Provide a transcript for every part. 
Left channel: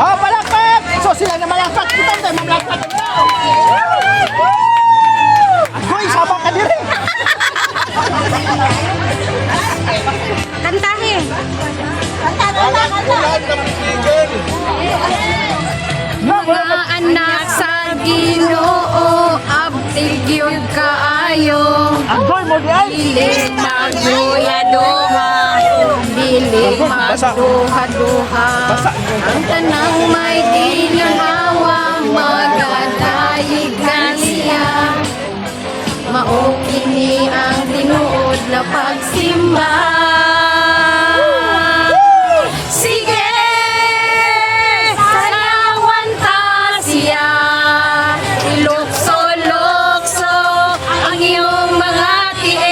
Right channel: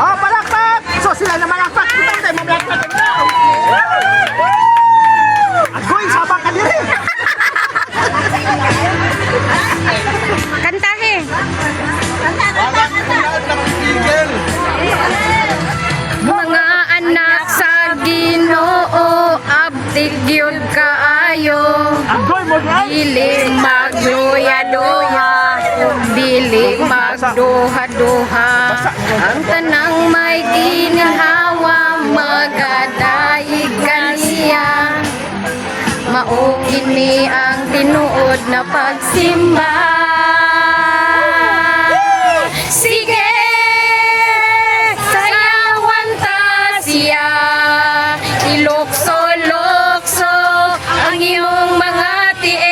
Oh, palakpak! So sila na malakpak. Kita tayo mamalakpak. Agoy, sama ka diri. Kantahe. Mga anak sa Ginoo, abtig yun kaayo. Agoy mo di ay. Biling magduha-duha, biling magduha-duha. Ang tanang may ginhawa, magadayig kaniya. Maugin ni ang tinuod na pagsimba. Sige, sayawan ta siya. Ilukso-lukso ang iyong mga tiil.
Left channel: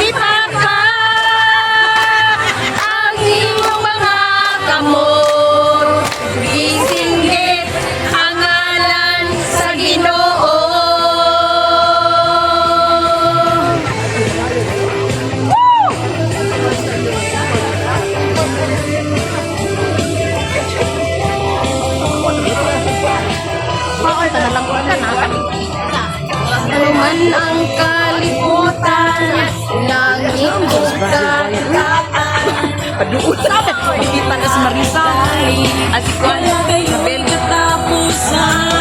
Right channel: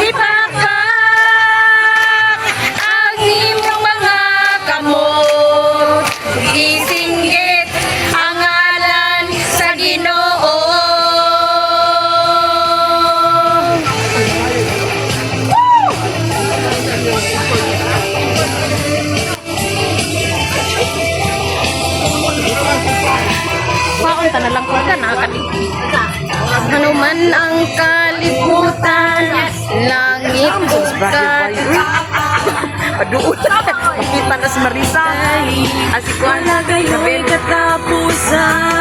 Ipapak ang iyong mga kamot. Isinggit ang ngalan sa Ginoo. Paunta na lang ko ka na. Ano man ang kalibutan, langit bukat. Paduot. Makita na si Marisa. Asikuan. Nabel. Katapusan